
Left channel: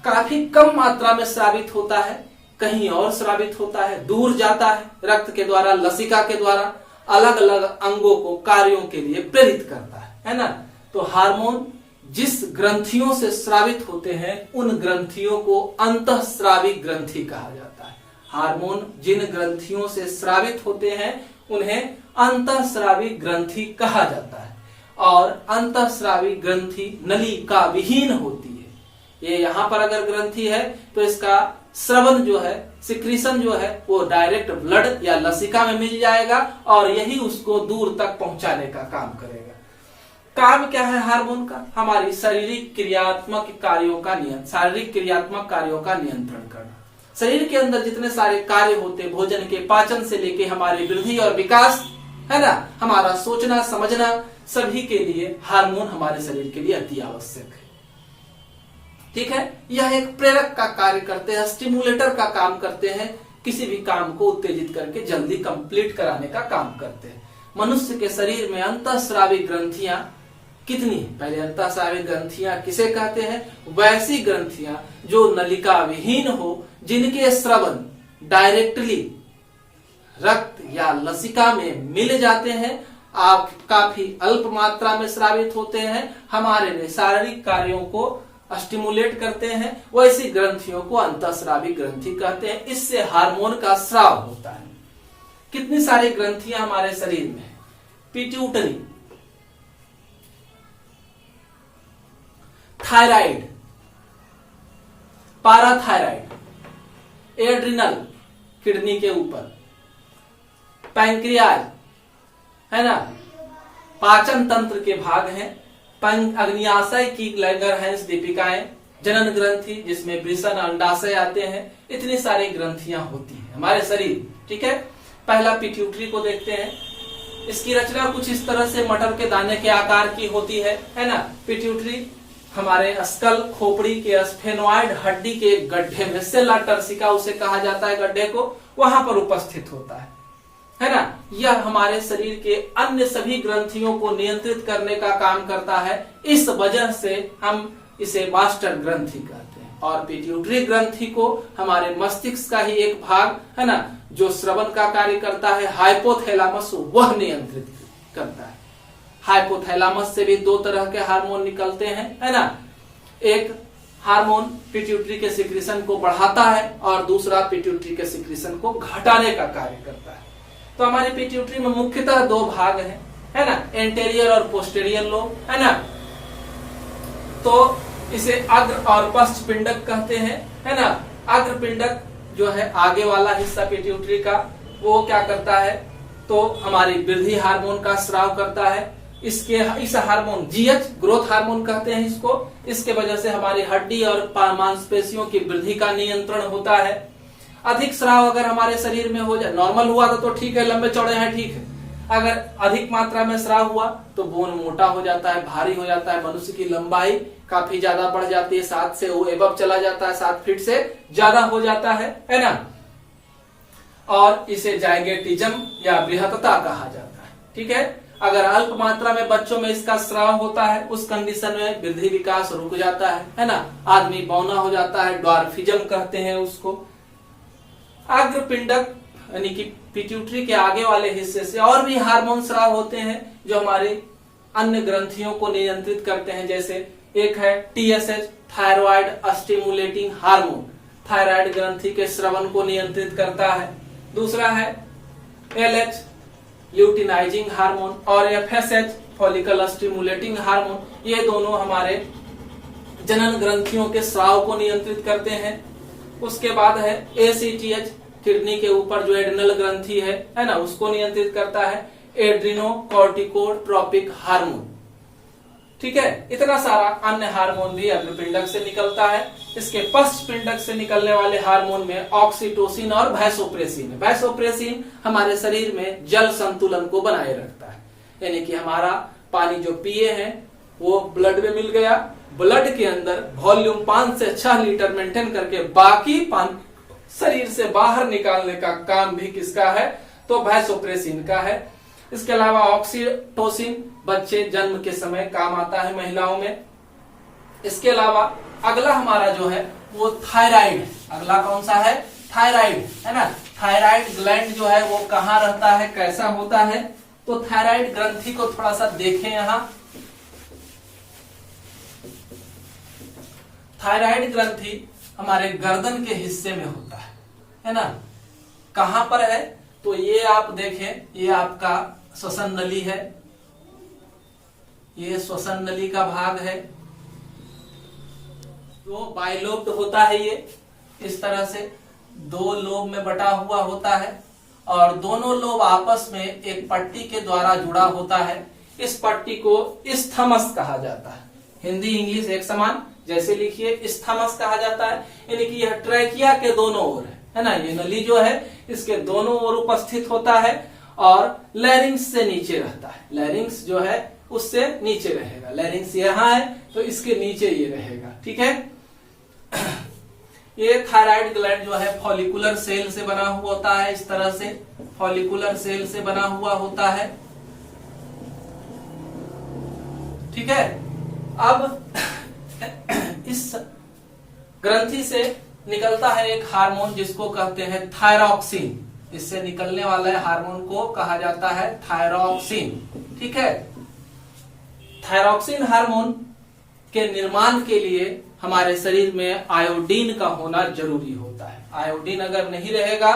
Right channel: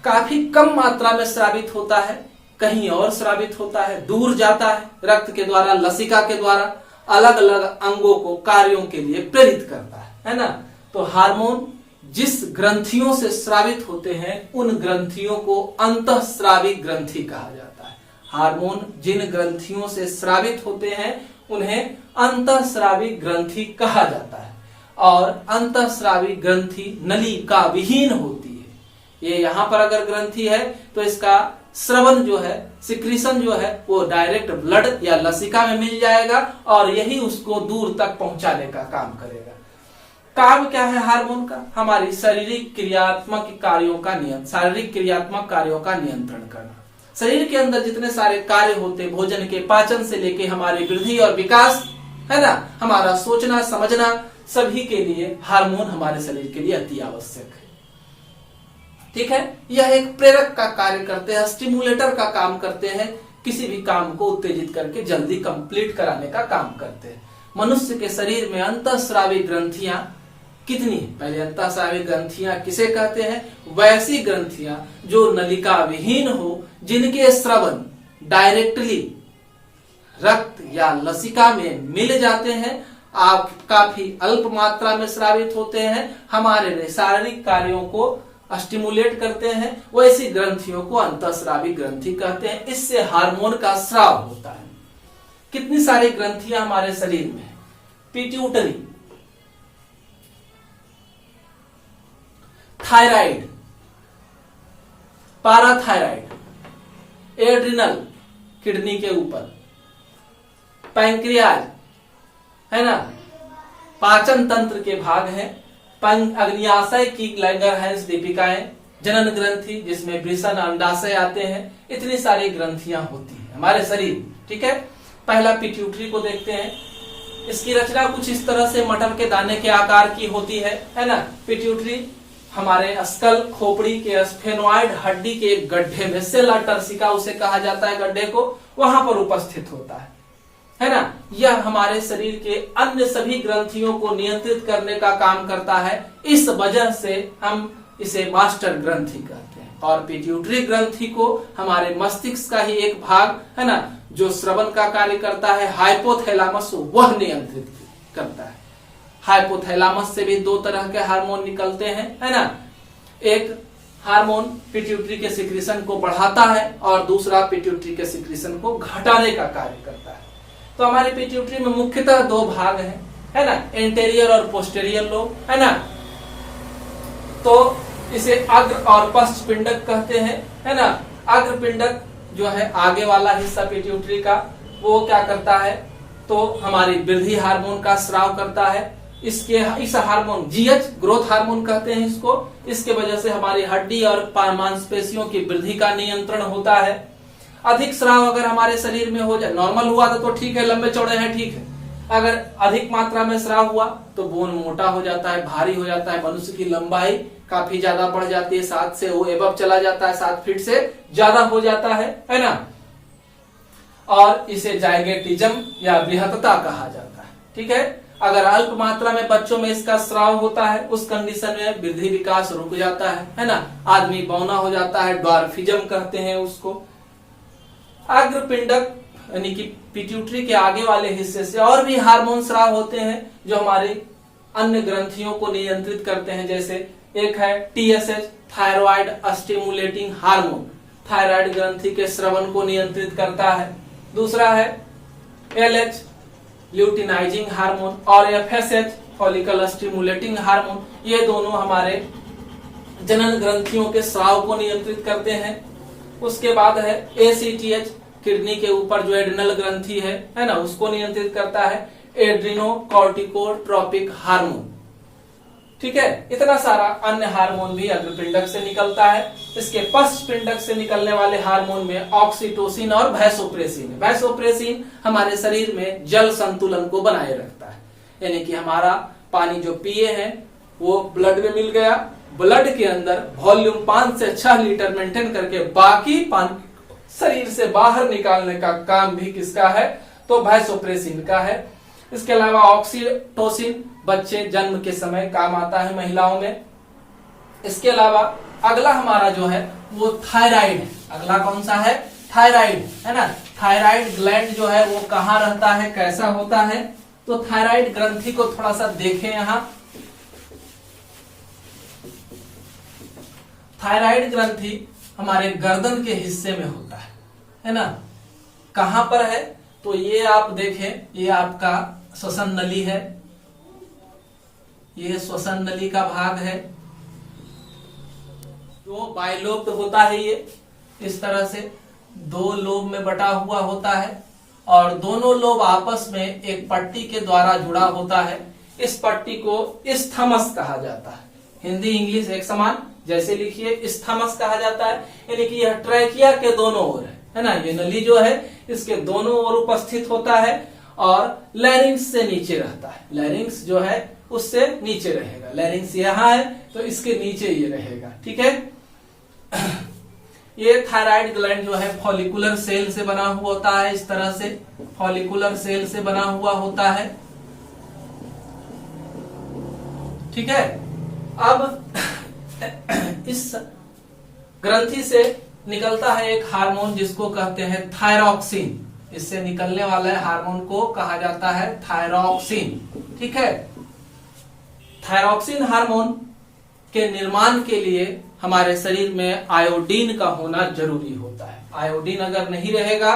काफी कम मात्रा में स्रावित होता है, कहीं और स्रावित होता है, दूर जाता है, रक्त के द्वारा लसिका के द्वारा अलग अलग अंगों को कार्यों के लिए प्रेरित करता है ना। तो हार्मोन जिस ग्रंथियों से स्रावित होते हैं उन ग्रंथियों को अंतःस्रावी ग्रंथि कहा जाता है। हार्मोन जिन ग्रंथियों से स्रावित होते हैं उन्हें अंतःस्रावी ग्रंथि कहा जाता है। और अंतःस्रावी ग्रंथि नलिका विहीन होती है। ये यहाँ पर अगर ग्रंथि है तो इसका स्रवन जो है, सिक्रीशन जो है वो डायरेक्ट ब्लड या लसिका में मिल जाएगा और यही उसको दूर तक पहुंचाने का काम करेगा। काम क्या है हार्मोन का, हमारी शारीरिक क्रियात्मक कार्यों का नियंत्रण करना। शरीर के अंदर जितने सारे कार्य होते, भोजन के पाचन से लेके हमारी वृद्धि और विकास है ना, हमारा सोचना समझना, सभी के लिए हार्मोन हमारे शरीर के लिए अति आवश्यक है। ठीक है, यह एक प्रेरक का कार्य करते हैं, स्टिमुलेटर का काम करते हैं, किसी भी काम को उत्तेजित करके जल्दी कंप्लीट कराने का काम करते हैं। मनुष्य के शरीर में अंतःस्रावी ग्रंथियां कितनी है, पहले अंतःस्रावी ग्रंथियां किसे कहते हैं, वैसी ग्रंथियां जो नलिका विहीन हो, जिनके स्रवन डायरेक्टली रक्त या लसिका में मिल जाते हैं, आप काफी अल्प मात्रा में स्रावित होते हैं, हमारे शारीरिक कार्यों को स्टिमुलेट करते हैं, वैसी ग्रंथियों को अंतःस्रावी ग्रंथि कहते हैं। इससे हार्मोन का स्राव होता है। कितनी सारी ग्रंथियां हमारे शरीर में है, पिट्यूटरी, थायराइड, पाराथायराइड, एड्रिनल किडनी के ऊपर, पैंक्रियाज है ना, पाचन तंत्र के भाग हैं, अग्न्याशय की लैंगरहैंस दीपिकाएं, जनन ग्रंथि जिसमें वृषण अंडाशय आते हैं, इतनी सारी ग्रंथियां होती हैं हमारे शरीर। ठीक है, पहला पिट्यूटरी को देखते हैं। इसकी रचना कुछ इस तरह से मटर के दाने के आकार की होती है ना। पिट्यूटरी हमारे स्कल खोपड़ी के स्फेनोइड हड्डी के गड्ढे में, सेला टर्सिका उसे कहा जाता है, गड्ढे को, वहां पर उपस्थित होता है ना। यह हमारे शरीर के अन्य सभी ग्रंथियों को नियंत्रित करने का काम करता है। इस वजह से हम इसे मास्टर ग्रंथि कहते हैं। और पिट्यूटरी ग्रंथि को हमारे मस्तिष्क का ही एक भाग है ना, जो श्रवण का कार्य करता है, हाइपोथैलेमस, वह नियंत्रित करता है। हाइपोथैलेमस से भी दो तरह के हार्मोन निकलते हैं, है ना। एक हार्मोन पिट्यूटरी के सिक्रीशन को बढ़ाता है और दूसरा पिट्यूटरी के सिक्रीशन को घटाने का कार्य करता है। तो हमारे पिट्यूटरी में मुख्यतः दो भाग हैं, है ना, एंटेरियर और पोस्टेरियर लोब, है ना। तो इसे अग्र और पश्च पिंडक कहते हैं, है ना। अग्र पिंडक जो है आगे वाला हिस्सा पिट्यूटरी का, वो क्या करता है, तो हमारी वृद्धि हार्मोन का स्राव करता है। इस हार्मोन जीएच, ग्रोथ हार्मोन कहते हैं इसको, इसके वजह से हमारी हड्डी और मांसपेशियों की वृद्धि का नियंत्रण होता है। अधिक स्राव अगर हमारे शरीर में हो जाए, नॉर्मल हुआ था तो ठीक है, लंबे चौड़े हैं ठीक है, अगर अधिक मात्रा में स्राव हुआ तो बोन मोटा हो जाता है, भारी हो जाता है, मनुष्य की लंबाई काफी ज्यादा बढ़ जाती है, 7 से वो एबव चला जाता है, 7 फीट से ज्यादा हो जाता है ना। और इसे जाइगेटिज्म या बृहत्तता कहा जाता है, ठीक है। अगर अल्प मात्रा में बच्चों में इसका स्राव होता है, उस कंडीशन में वृद्धि विकास रुक जाता है ना, आदमी बौना हो जाता है, ड्वार्फिज्म कहते हैं उसको। अग्र पिंडक यानी कि पिट्यूटरी के आगे वाले हिस्से से और भी हार्मोन स्राव होते हैं जो हमारे अन्य ग्रंथियों को नियंत्रित करते हैं। जैसे एक है TSH, thyroid stimulating hormone, thyroid ग्रंथि के स्रवण को नियंत्रित करता है। दूसरा है एलएच, ल्यूटिनाइजिंग हार्मोन, और एफएसएच, फॉलिकल स्टिमुलेटिंग हार्मोन। ये दोनों हमारे जनन ग्रंथियों के स्राव को नियंत्रित करते हैं। उसके बाद है एसीटीएच, किडनी के ऊपर जो एड्रिनल ग्रंथि है ना, उसको नियंत्रित करता है, एड्रिनोकॉर्टिकोट्रोपिक हार्मोन, ठीक है। इतना सारा अन्य हार्मोन भी अग्रपिंडक से निकलता है। इसके पश्च पिंडक से निकलने वाले हार्मोन में ऑक्सीटोसिन और वैसोप्रेसिन। वैसोप्रेसिन हमारे शरीर में जल संतुलन को बनाए रखता है, यानी कि हमारा पानी जो पिए हैं वो ब्लड में मिल गया, ब्लड के अंदर वॉल्यूम 5 से 6 लीटर मेंटेन करके बाकी पानी शरीर से बाहर निकालने का काम भी किसका है, तो वैसोप्रेसिन का है। इसके अलावा ऑक्सीटोसिन बच्चे जन्म के समय काम आता है महिलाओं में। इसके अलावा अगला हमारा जो है वो थायराइड है। अगला कौन सा है, थायराइड, है ना। थायराइड ग्लैंड जो है वो कहाँ रहता है, कैसा होता है, तो थायराइड ग्रंथि को थोड़ा सा देखें यहां। थायराइड ग्रंथि हमारे गर्दन के हिस्से में होता है ना। कहां पर है, तो ये आप देखें, ये आपका श्वसन नली है, ये श्वसन नली का भाग है। तो बाइलोब होता है ये, इस तरह से 2 लोब में बटा हुआ होता है और दोनों लोब आपस में एक पट्टी के द्वारा जुड़ा होता है। इस पट्टी को इस्थमस कहा जाता है। हिंदी इंग्लिश एक समान जैसे लिखिए, इस्थमस कहा जाता है, यानी कि यह ट्रैकिया के दोनों ओर है ना। ये नली जो है इसके दोनों ओर उपस्थित होता है और लैरिंग्स से नीचे रहता है। लैरिंग्स जो है उससे नीचे रहेगा, लैरिंग्स यहाँ है तो इसके नीचे ये रहेगा, ठीक है। ये थायराइड ग्लैंड जो है फॉलिकुलर सेल से बना हुआ होता है, इस तरह से फॉलिकुलर सेल से बना हुआ होता है, ठीक है। अब इस ग्रंथि से निकलता है एक हार्मोन जिसको कहते हैं थायरॉक्सिन। इससे निकलने वाले हार्मोन को कहा जाता है थायरॉक्सिन, ठीक है। थायरॉक्सिन हार्मोन के निर्माण के लिए हमारे शरीर में आयोडीन का होना जरूरी होता है। आयोडीन अगर नहीं रहेगा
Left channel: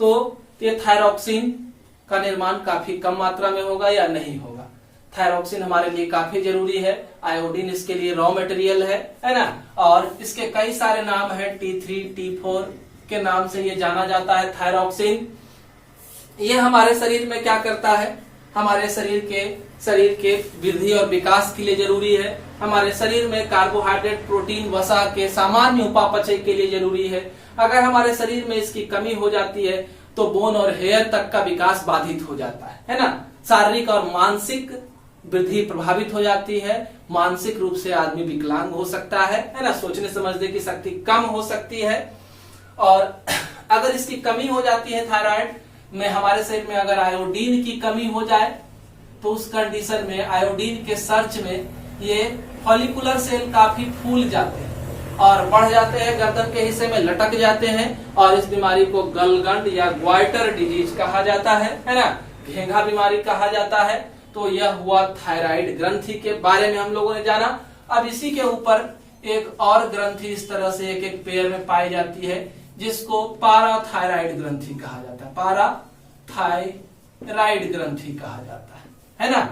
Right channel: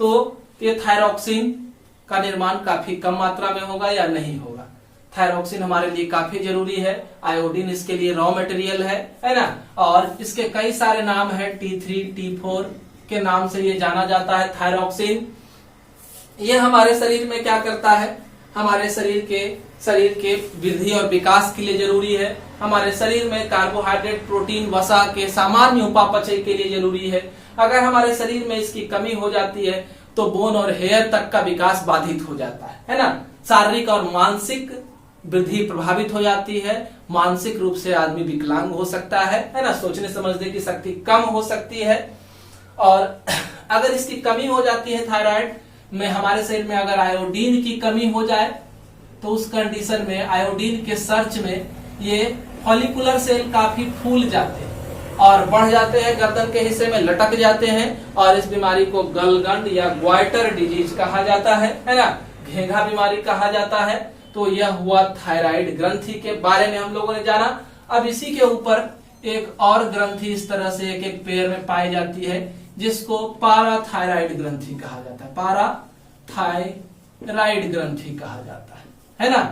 तो ये थायरॉक्सिन का निर्माण काफी कम मात्रा में होगा या नहीं होगा। थायरॉक्सिन हमारे लिए काफी जरूरी है, आयोडीन इसके लिए रॉ मटेरियल है ना। और इसके कई सारे नाम है, T3, T4 के नाम से ये जाना जाता है थायरॉक्सिन। ये हमारे शरीर में क्या करता है, हमारे शरीर के वृद्धि और विकास के लिए जरूरी है। हमारे शरीर में कार्बोहाइड्रेट, प्रोटीन, वसा के सामान्य उपापचय के लिए जरूरी है। अगर हमारे शरीर में इसकी कमी हो जाती है तो बोन और हेयर तक का विकास बाधित हो जाता है ना। शारीरिक और मानसिक वृद्धि प्रभावित हो जाती है, मानसिक रूप से आदमी विकलांग हो सकता है ना, सोचने समझने की शक्ति कम हो सकती है। और अगर इसकी कमी हो जाती है थायराइड में, हमारे शरीर में अगर आयोडीन की कमी हो जाए तो उस कंडीशन में आयोडीन के सर्च में ये फॉलिकुलर सेल काफी फूल जाते हैं और बढ़ जाते हैं, गर्दन के हिस्से में लटक जाते हैं और इस बीमारी को गलगंड या ग्वाइटर डिजीज कहा जाता है ना, घेंघा बीमारी कहा जाता है। तो यह हुआ थायराइड ग्रंथि के बारे में हम लोगों ने जाना। अब इसी के ऊपर एक और ग्रंथि इस तरह से एक एक पेड़ में पाई जाती है जिसको पाराथायराइड ग्रंथि कहा जाता है, पाराथायराइड ग्रंथि कहा जाता है ना।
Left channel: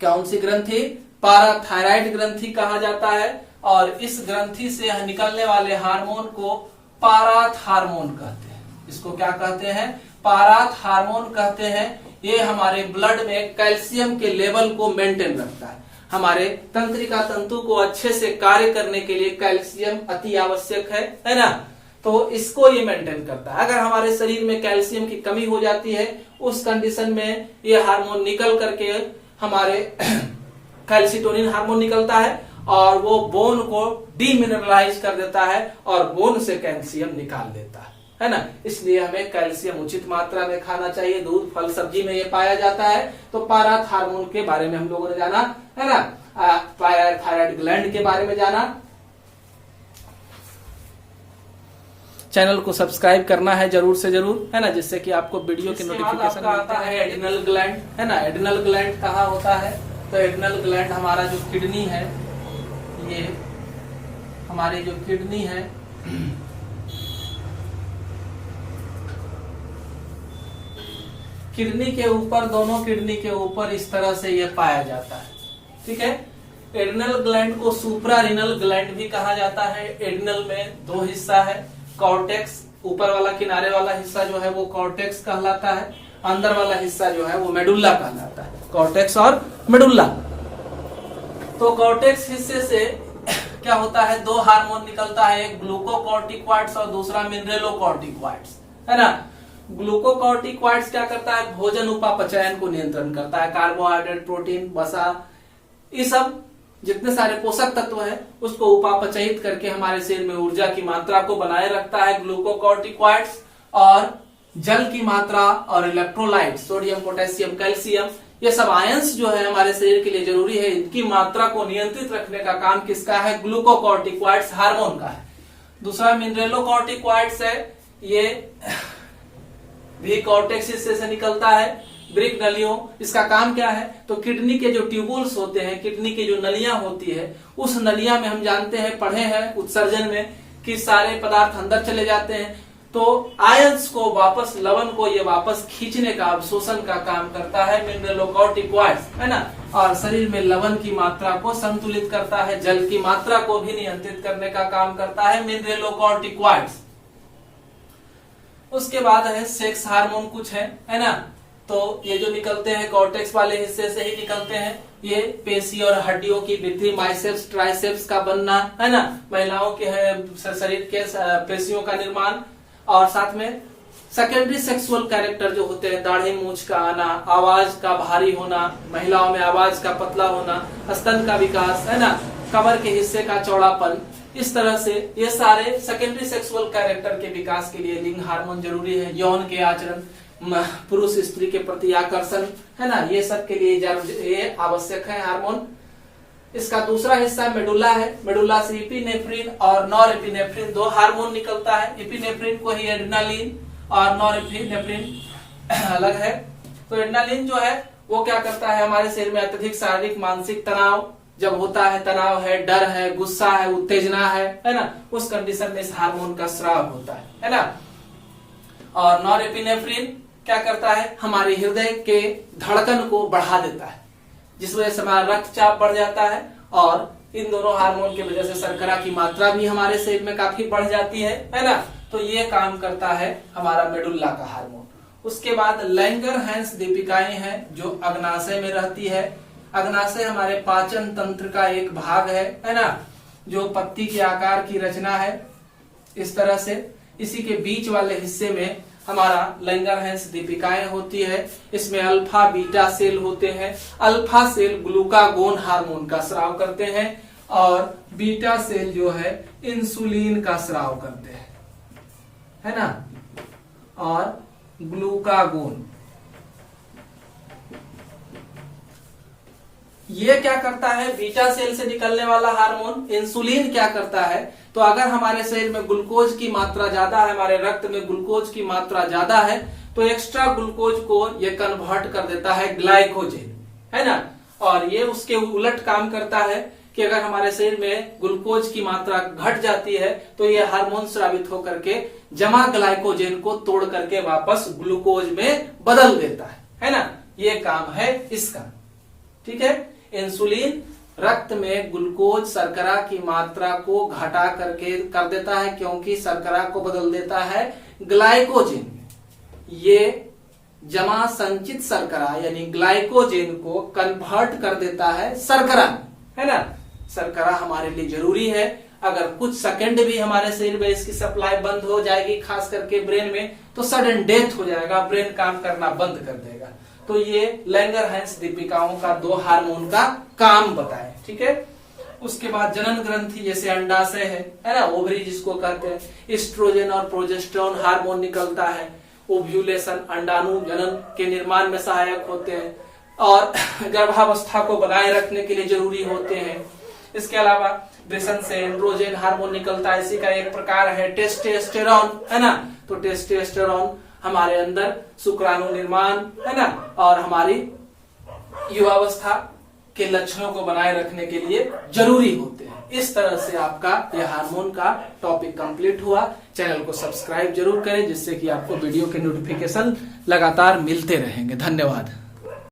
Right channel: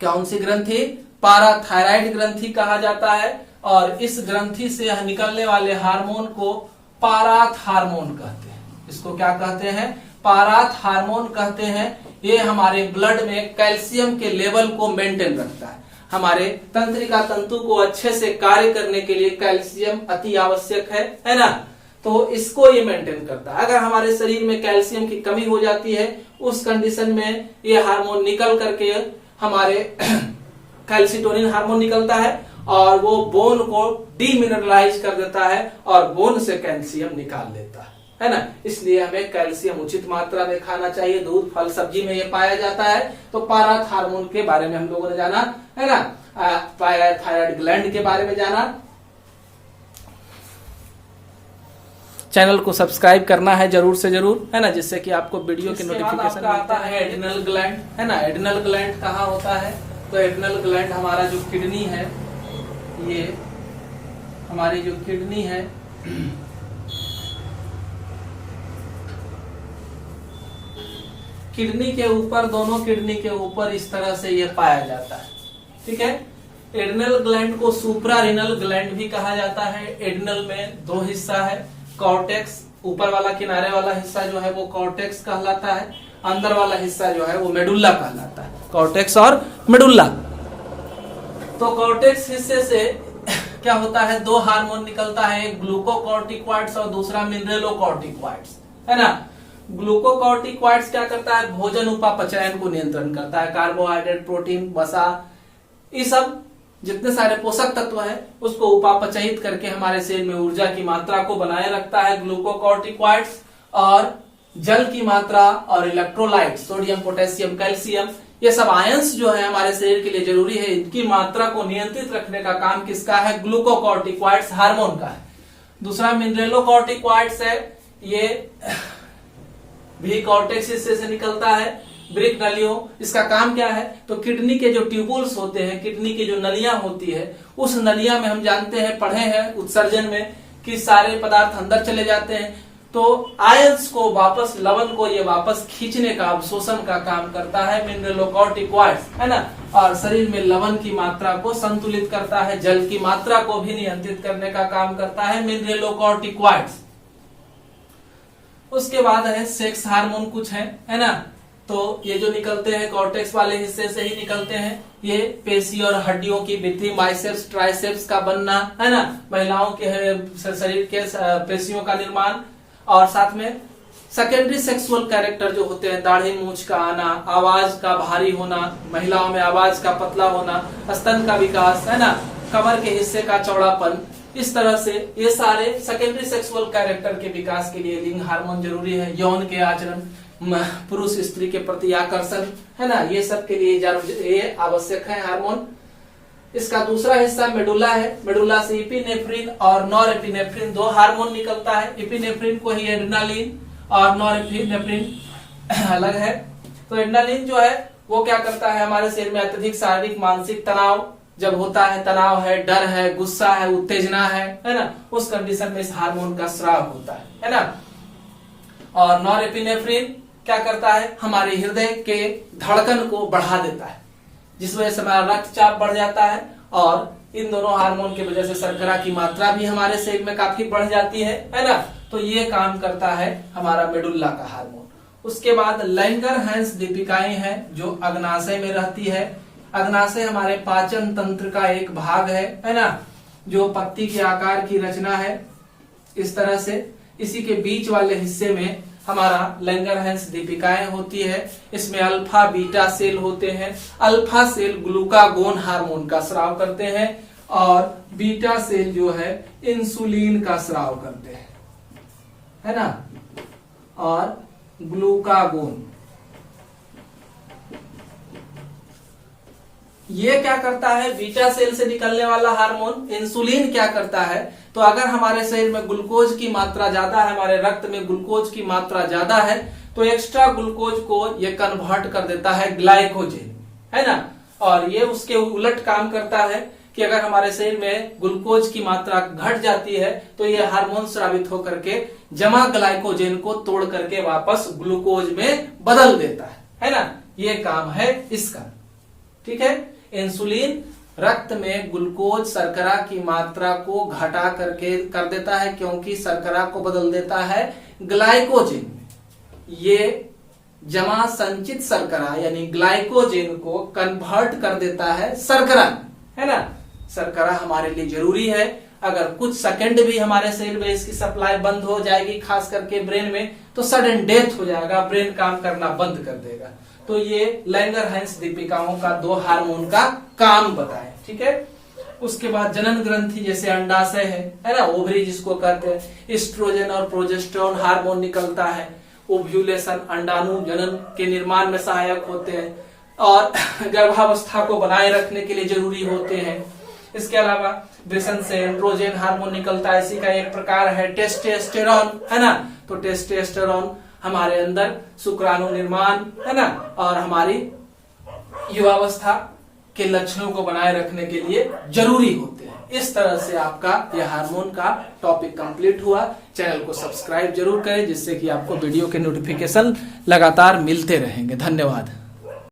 कौन सी ग्रंथि? पाराथायराइड ग्रंथि कहा जाता है। और इस ग्रंथि से निकलने वाले हार्मोन को पाराथ हार्मोन कहते हैं। इसको क्या कहते हैं? पाराथ हार्मोन कहते हैं। ये हमारे ब्लड में कैल्शियम के लेवल को मेंटेन रखता है। हमारे तंत्रिका तंतु को अच्छे से कार्य करने के लिए कैल्शियम अति आवश्यक है ना। तो इसको ये मेंटेन करता है। अगर हमारे शरीर में कैल्शियम की कमी हो जाती है, उस कंडीशन में ये हार्मोन निकल करके हमारे कैल्सिटोनिन हार्मोन निकलता है और वो बोन को डीमिनरलाइज कर देता है और बोन से कैल्शियम निकाल लेता है ना। इसलिए हमें कैल्शियम उचित मात्रा में खाना चाहिए। दूध, फल, सब्जी में ये पाया जाता है। तो पाराथ हार्मोन के बारे में हम लोगों ने जाना है ना। थायराइड ग्लैंड के बारे में जाना। चैनल को सब्सक्राइब करना है जरूर से जरूर, है ना, जिससे कि आपको वीडियो के नोटिफिकेशन आता है। एड्रिनल ग्लैंड है ना। एड्रिनल ग्लैंड कहाँ होता है? तो एड्रिनल ग्लैंड हमारा जो किडनी है, ये हमारी जो किडनी है, किडनी के ऊपर, दोनों किडनी के ऊपर इस तरह से ये पाया जाता है। ठीक है। एड्रिनल ग्लैंड को सुप्रारिनल ग्लैंड भी कहा जाता है। एड्रिनल में दो हिस्सा है। कॉर्टेक्स, ऊपर वाला किनारे वाला हिस्सा जो है वो कॉर्टेक्स कहलाता है। अंदर वाला हिस्सा जो है वो मेडुल्ला कहलाता है। कॉर्टेक्स और मेडुल्ला। तो कॉर्टेक्स हिस्से से क्या होता है? दो हार्मोन निकलता है, एक ग्लूकोकॉर्टिकॉइड्स और दूसरा मिनरलोकॉर्टिकॉइड्स, है ना। ग्लूकोकॉर्टिकॉइड्स क्या करता है? भोजन उपापचयन को नियंत्रण करता है। कार्बोहाइड्रेट, प्रोटीन, वसा, ये सब जितने सारे पोषक तत्व हैं उसको उपापचयित करके हमारे शरीर में ऊर्जा की मात्रा को बनाए रखता है ग्लूकोकॉर्टिकॉइड्स। और जल की मात्रा और इलेक्ट्रोलाइट, सोडियम, पोटेशियम, कैल्शियम, ये सब आयंस जो है हमारे शरीर के लिए जरूरी है, इनकी मात्रा को नियंत्रित रखने का काम किसका है? ग्लूकोकॉर्टिकॉइड्स हार्मोन का है। दूसरा मिनरलोकॉर्टिकॉइड्स है, ये भी कॉर्टेक्स हिस्से से निकलता है। ब्रिक नलियों, इसका काम क्या है? तो किडनी के जो ट्यूबुल्स होते हैं, किडनी की जो नलियां होती है, उस नलियां में हम जानते हैं, पढ़े हैं उत्सर्जन में, कि सारे पदार्थ अंदर चले जाते हैं। तो आयंस को वापस, लवण को ये वापस खींचने का, अवशोषण का काम करता है मिनरलोकॉर्टिकॉइड्स, है ना। और शरीर में लवण की मात्रा को संतुलित करता है, जल की मात्रा को भी नियंत्रित करने का काम करता है मिनरलोकॉर्टिकॉइड्स। उसके बाद है सेक्स हार्मोन कुछ है ना। तो ये जो निकलते हैं कॉर्टेक्स वाले हिस्से से ही निकलते हैं। ये पेशी और हड्डियों की वृद्धि, बाइसेप्स, ट्राइसेप्स का बनना, है ना, महिलाओं के शरीर के पेशियों का निर्माण, और साथ में सेकेंडरी सेक्सुअल कैरेक्टर जो होते हैं, दाढ़ी मूंछ का आना, आवाज का भारी होना, महिलाओं में आवाज का पतला होना, स्तन का विकास, है ना, कमर के हिस्से का चौड़ापन, इस तरह से ये सारे सेकेंडरी सेक्सुअल कैरेक्टर के विकास के लिए लिंग हार्मोन जरूरी है। यौन के आचरण, पुरुष स्त्री के प्रति आकर्षण, है ना, ये सब के लिए ये आवश्यक है हार्मोन। इसका दूसरा हिस्सा मेडुला है। मेडुला से इपिनेफ्रिन और नॉरएपिनेफ्रिन दो हार्मोन निकलता है। इपिनेफ्रिन को ही एड्रेनालिन और नॉरएपिनेफ्रिन अलग है। तो एड्रेनालिन जो है वो क्या करता है? हमारे शरीर में अत्यधिक शारीरिक मानसिक तनाव जब होता है, तनाव है, डर है, गुस्सा है, उत्तेजना है ना, उस कंडीशन में इस हार्मोन का स्राव होता है ना। और नॉरएपिनेफ्रिन क्या करता है? हमारे हृदय के धड़कन को बढ़ा देता है, जिस वजह से हमारा रक्तचाप बढ़ जाता है। और इन दोनों हार्मोन की वजह से शर्करा की मात्रा भी हमारे शरीर में काफी बढ़ जाती है ना। तो ये काम करता है हमारा मेडुल्ला का हार्मोन। उसके बाद लैंगरहैंस दीपिकाएं हैं जो अग्नाशय में रहती है। अग्नाशय हमारे पाचन तंत्र का एक भाग है ना, जो पत्ती के आकार की रचना है इस तरह से। इसी के बीच वाले हिस्से में हमारा लैंगरहैंस दीपिकाएं होती है। इसमें अल्फा बीटा सेल होते हैं। अल्फा सेल ग्लूकागोन हार्मोन का स्राव करते हैं और बीटा सेल जो है इंसुलिन का स्राव करते हैं, है ना। और ग्लूकागोन ये क्या करता है, बीटा सेल से निकलने वाला हार्मोन इंसुलिन क्या करता है, तो अगर हमारे शरीर में ग्लूकोज की मात्रा ज्यादा है, हमारे रक्त में ग्लूकोज की मात्रा ज्यादा है, तो एक्स्ट्रा ग्लूकोज को ये कन्वर्ट कर देता है ग्लाइकोजेन, है ना। और ये उसके उलट काम करता है कि अगर हमारे शरीर में ग्लूकोज की मात्रा घट जाती है तो ये हार्मोन स्रावित होकर के जमा ग्लाइकोजेन को तोड़ करके वापस ग्लूकोज में बदल देता है ना। ये काम है इसका, ठीक है। इंसुलिन रक्त में ग्लूकोज शर्करा की मात्रा को घटा करके कर देता है, क्योंकि शर्करा को बदल देता है ग्लाइकोजेन। ये जमा संचित शर्करा यानी ग्लाइकोजेन को कन्वर्ट कर देता है शर्करा, है ना। शर्करा हमारे लिए जरूरी है। अगर कुछ सेकंड भी हमारे शरीर में इसकी सप्लाई बंद हो जाएगी, खास करके ब्रेन में, तो सडन डेथ हो जाएगा, ब्रेन काम करना बंद कर देगा। तो ये लैंगरहैंस दीपिकाओं का 2 हार्मोन का काम बताए, ठीक है। उसके बाद जनन ग्रंथि जैसे अंडाशय है ना, ओवरी जिसको कहते हैं, एस्ट्रोजन और प्रोजेस्टेरोन हार्मोन निकलता है। ओव्यूलेशन अंडाणु जनन के निर्माण में सहायक होते हैं और गर्भावस्था को बनाए रखने के लिए जरूरी होते हैं। इसके अलावा वृषण से एंड्रोजन हार्मोन निकलता है, इसी का एक प्रकार है टेस्टोस्टेरोन, है ना। तो टेस्टोस्टेरोन हमारे अंदर शुक्राणु निर्माण, है ना, और हमारी युवावस्था के लक्षणों को बनाए रखने के लिए जरूरी होते हैं। इस तरह से आपका यह हार्मोन का टॉपिक कंप्लीट हुआ। चैनल को सब्सक्राइब जरूर करें, जिससे कि आपको वीडियो के नोटिफिकेशन लगातार मिलते रहेंगे। धन्यवाद।